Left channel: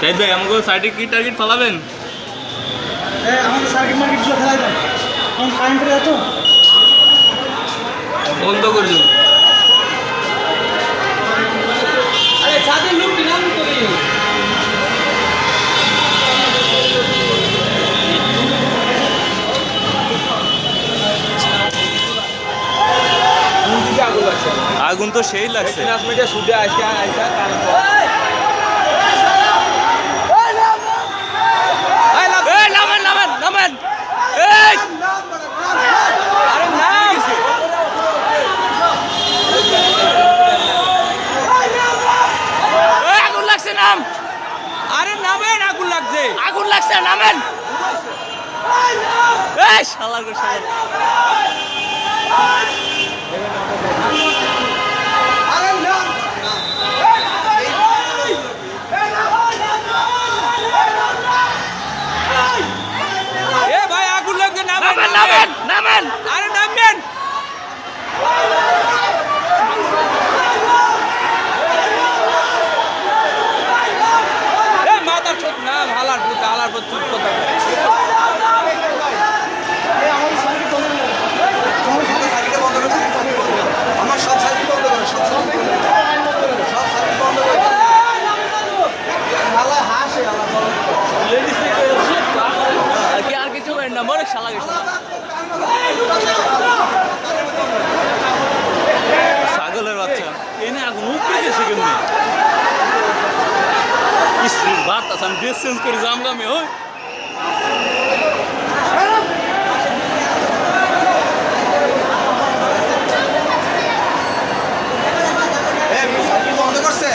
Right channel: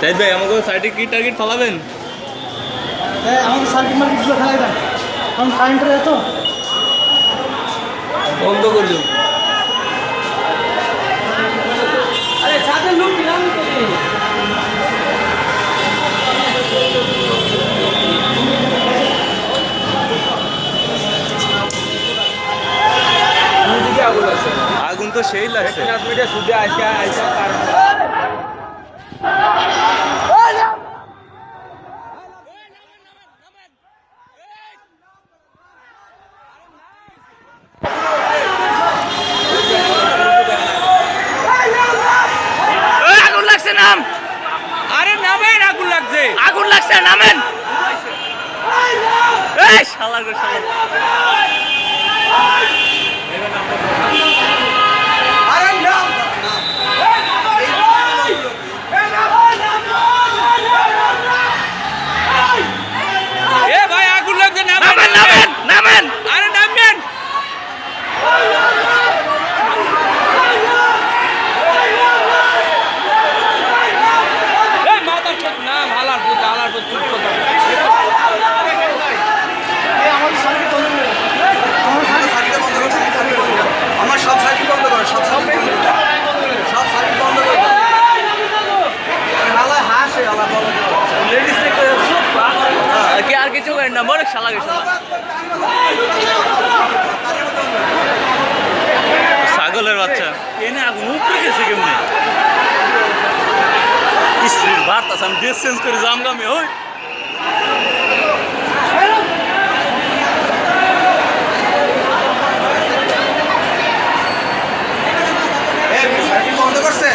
তাই ভাই আমাকে সাইডে কি টার্গেট ফালাবেন? আমাদের সার্কিট মার্কেটগুলো খেলা যায় কারণ কারেন্টের এত বন্ধ করে দিন। আগুন তো সেই লাগছে। আগুন লাগছে, নাম। আরে নামেন, আগুন লাগছে, আগুন লাগছে, নামেন। এই শালা গো শালা। এ ভাই আগুন লাগছে, নামেন নামেন নামেন। আরে নামেন। এই মাদার চোদ নাম হালার পুত চুপ কথা। আমার সব সার্কিট বন্ধ করে সব সার্কিট বন্ধ করে হালা হাসে হালা বলো কি আর কিছু করেন না, মরে শালা গেছে। ছাগলের বাচ্চা এই না আগুন উপরে গেছে কেমন বার্তাস। আমি ড্রেস চেঞ্জ করে জামগামে ওই বন্ধ করছে।